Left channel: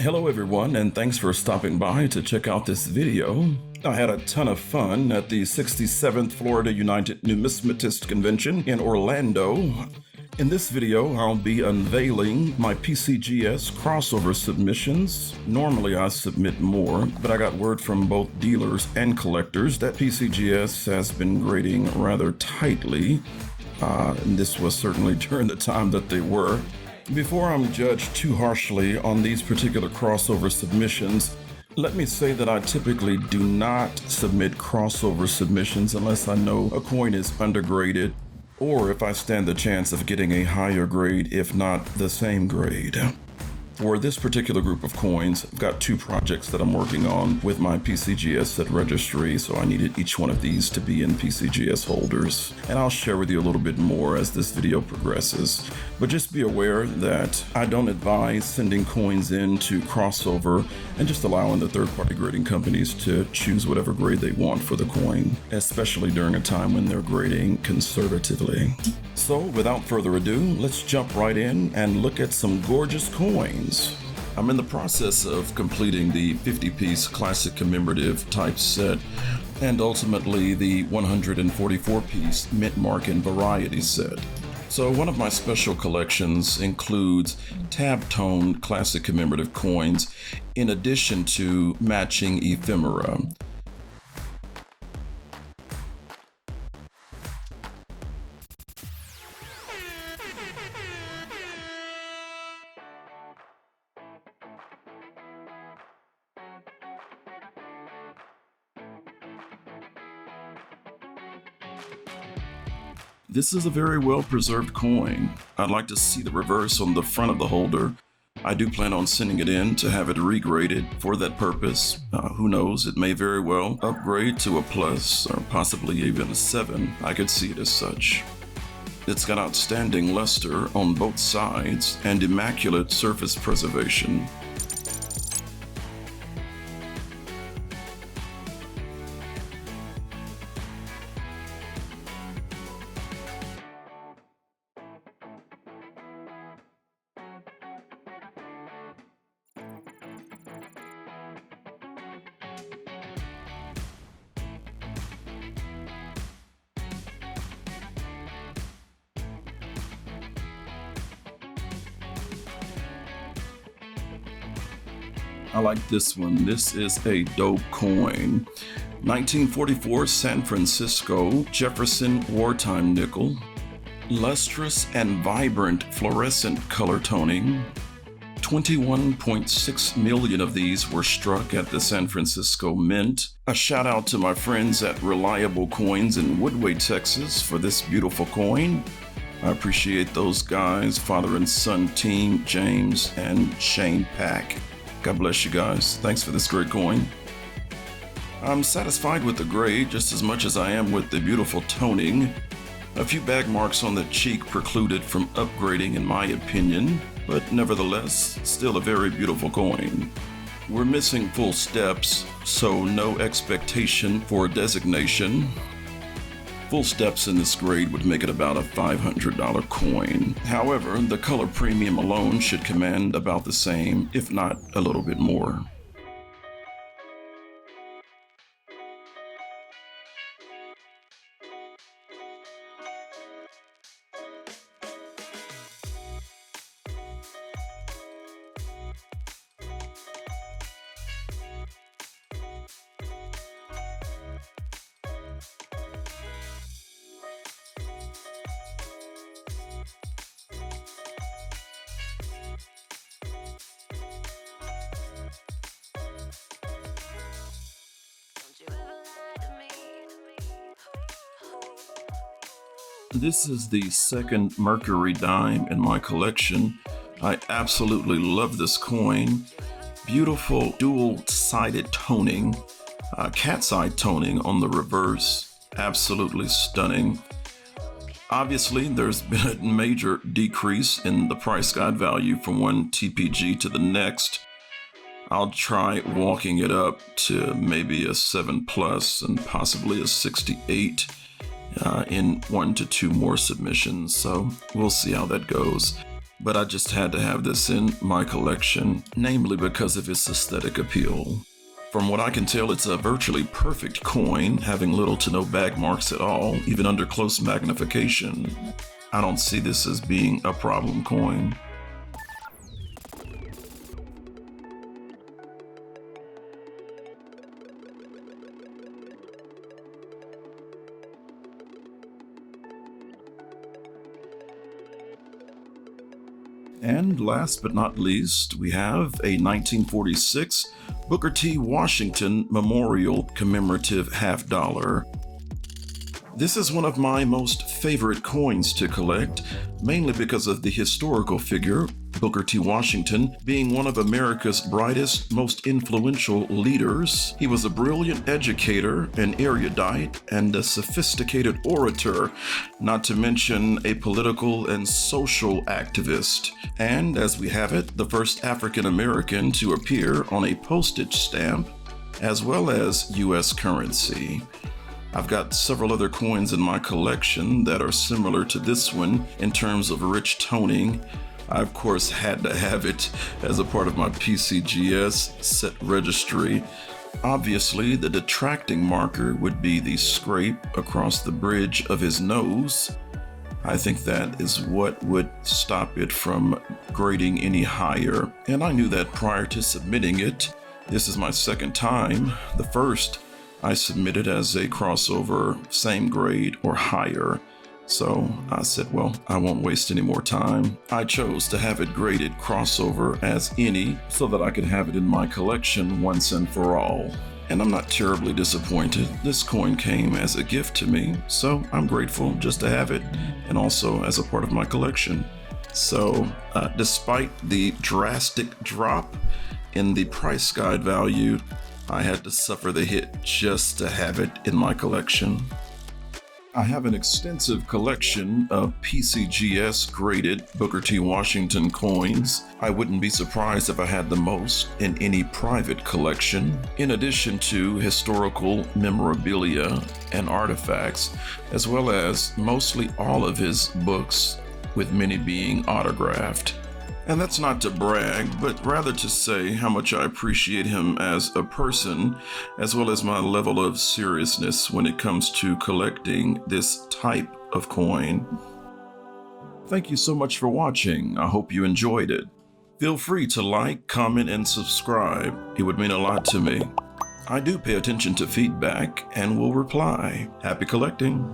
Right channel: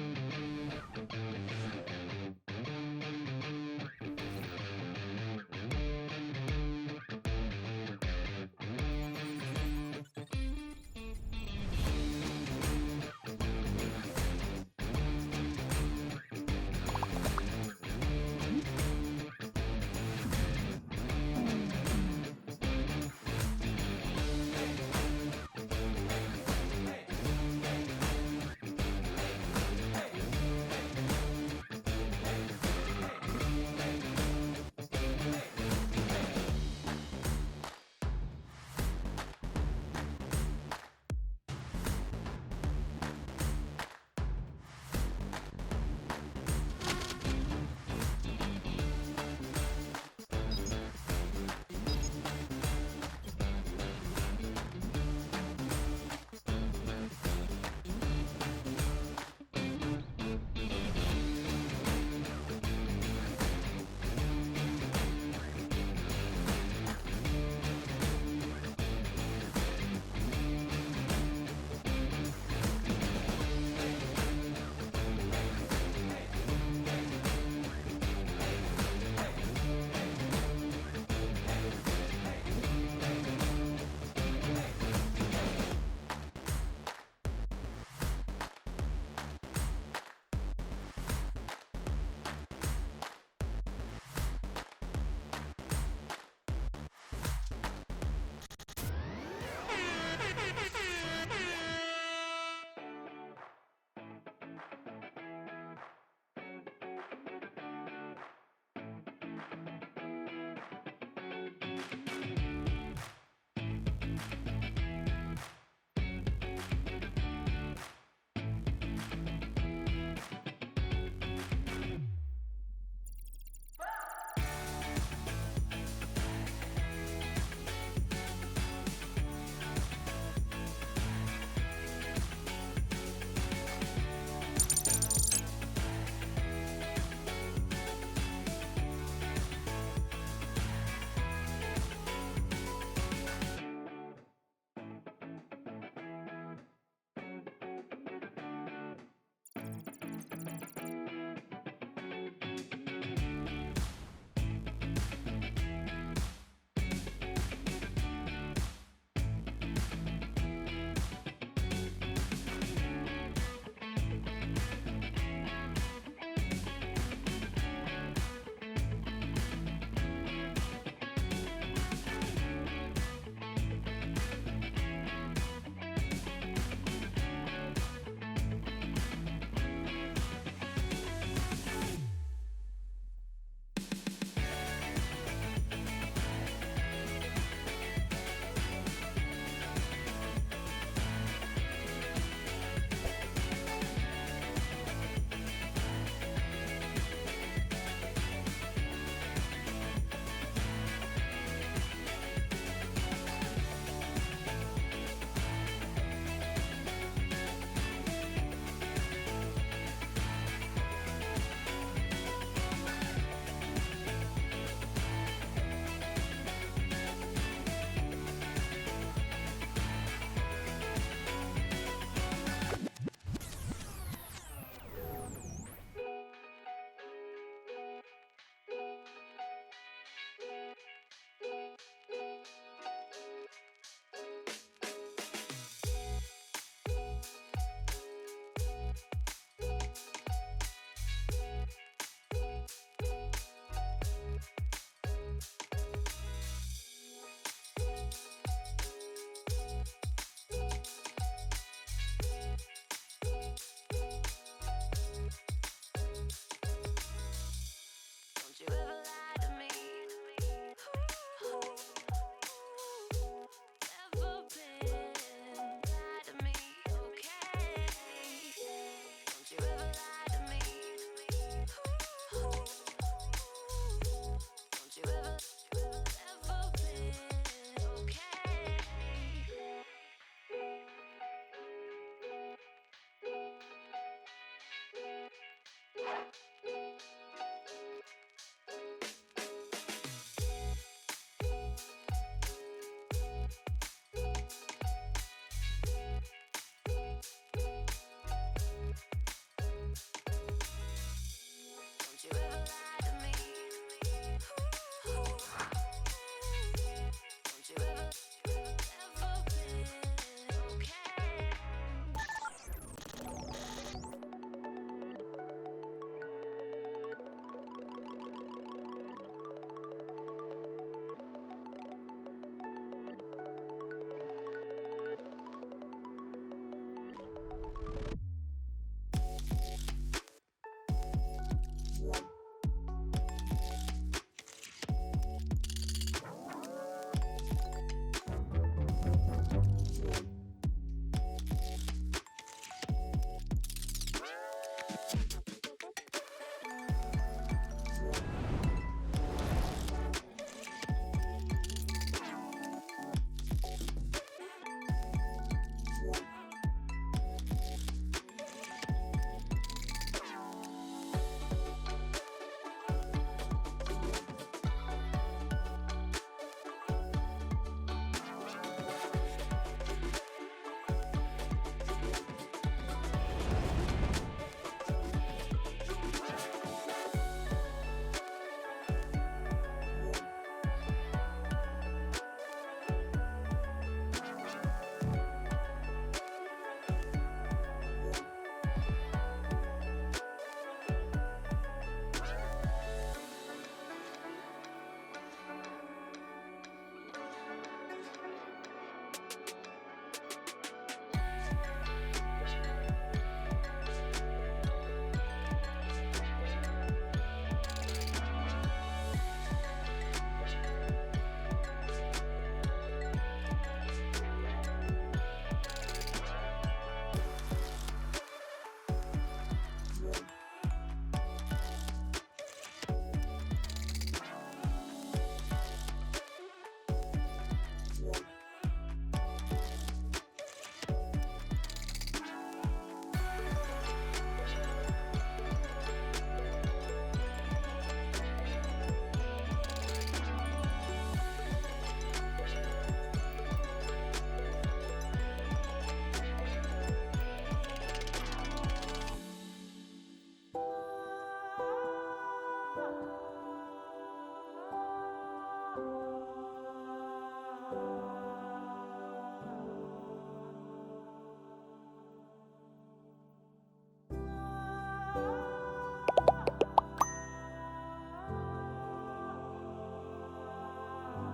Hello everyone, and thanks for stopping by to check out this video. I had a ton of fun at the 67th Florida United Numismatist Convention in Orlando. In this video, I'll be unveiling my PCGS crossover submissions. Normally I submit more, but I got word from both dealers and collectors that PCGS has been grading rather tightly. And this was certainly during the time that they were. Before I'm judged too harshly on these particular crossover submissions, let me say that I typically do not submit crossover submissions unless I know a coin is undergraded or if I stand the chance of getting a higher grade, if not the same grade. For this particular group of coins, I've got two projects that I'm working on with my PCGS Set Registry, so I needed each one of these to be in PCGS holders. And I'll share with you a little bit more as this video progresses. But just be aware that I don't advise sending coins in to crossover and just allowing the third-party grading companies to choose whatever grade they want for the coin, especially during a time when they're grading conservatively. So without further ado, let's jump right in and look at some gorgeous coins. I'm in the process of completing the 50-piece classic commemorative type set and ultimately the 144-piece mint mark and variety set. So one of my special collections includes tab-tone classic commemorative coins in addition to matching ephemera. This is a very well-preserved coin. I'd like to see the reverse on the front of the holder. I do plan on sending it in to have it regraded for that purpose. Who knows, it may very well upgrade to a plus or possibly even a 7. I could see it as such. It's got outstanding luster on both sides and immaculate surface preservation. I like this one. This is a dope coin. 1944 San Francisco Jefferson wartime nickel. Lustrous and vibrant fluorescent color toning. 21.6 million of these were struck at the San Francisco Mint. A shout out to my friends at Reliable Coins in Woodway, Texas for this beautiful coin. I appreciate those guys, father and son team, James and Shane Pack. God bless you guys. Thanks for this great coin. I'm satisfied with the grade just as much as I am with the beautiful toning. A few bag marks on the cheek precluded from upgrading in my opinion, but nevertheless, still a very beautiful coin. We're missing full steps, so no expectation for a designation. Full steps in this grade would make it about a $500 coin. However, the color premium alone should command about the same, if not a little bit more. This is the second Mercury Dime in my collection. I absolutely love this coin. Beautiful dual-sided toning, cat's eye toning on the reverse. Absolutely stunning. Obviously, there's been a major decrease in the price guide value from one TPG to the next. I'll try walking it up to maybe a 7 plus and possibly a 68 in 1 to 2 more submissions, so we'll see how that goes. but I just had to have this in my collection, namely because of its aesthetic appeal. From what I can tell, it's a virtually perfect coin, having little to no bag marks at all, even under close magnification. I don't see this as being a problem coin. And last but not least, we have a 1946 Booker T. Washington Memorial Commemorative $50. This is one of my most favorite coins to collect, mainly because of the historical figure, Booker T. Washington, being one of America's brightest, most influential leaders. He was a brilliant educator, an erudite, and a sophisticated orator, not to mention a political and social activist. And as we have it, the first African American to appear on a postage stamp, as well as U.S. currency. I've got several other coins in my collection that are similar to this one in terms of rich toning. I, of course, had to have it as a part of my PCGS Set Registry. Obviously, the detracting marker would be the scrape across the bridge of his nose. I think that is what would stop it from grading any higher, and I knew that prior to submitting it. This is my second time. The first I submitted as a crossover, same grade or higher. So I said, well, I won't waste any more time. I chose to have it graded crossover as any so that I could have it in my collection once and for all. And I'm not terribly disappointed. This coin came as a gift to me, so I'm grateful just to have it and also as a part of my collection. So despite the drastic drop in the price guide value, I had to suffer the hit just to have it in my collection. I have an extensive collection of PCGS graded Booker T. Washington coins. I wouldn't be surprised if I had the most in any private collection, in addition to historical memorabilia and artifacts, as well as mostly all of his books, with many being autographed. And that's not to brag, but rather to say how much I appreciate him as a person, as well as my level of seriousness when it comes to collecting this type of coin. Thank you so much for watching. I hope you enjoyed it. Feel free to like, comment, and subscribe. It would mean a lot to me. I do pay attention to feedback and will reply. Happy collecting.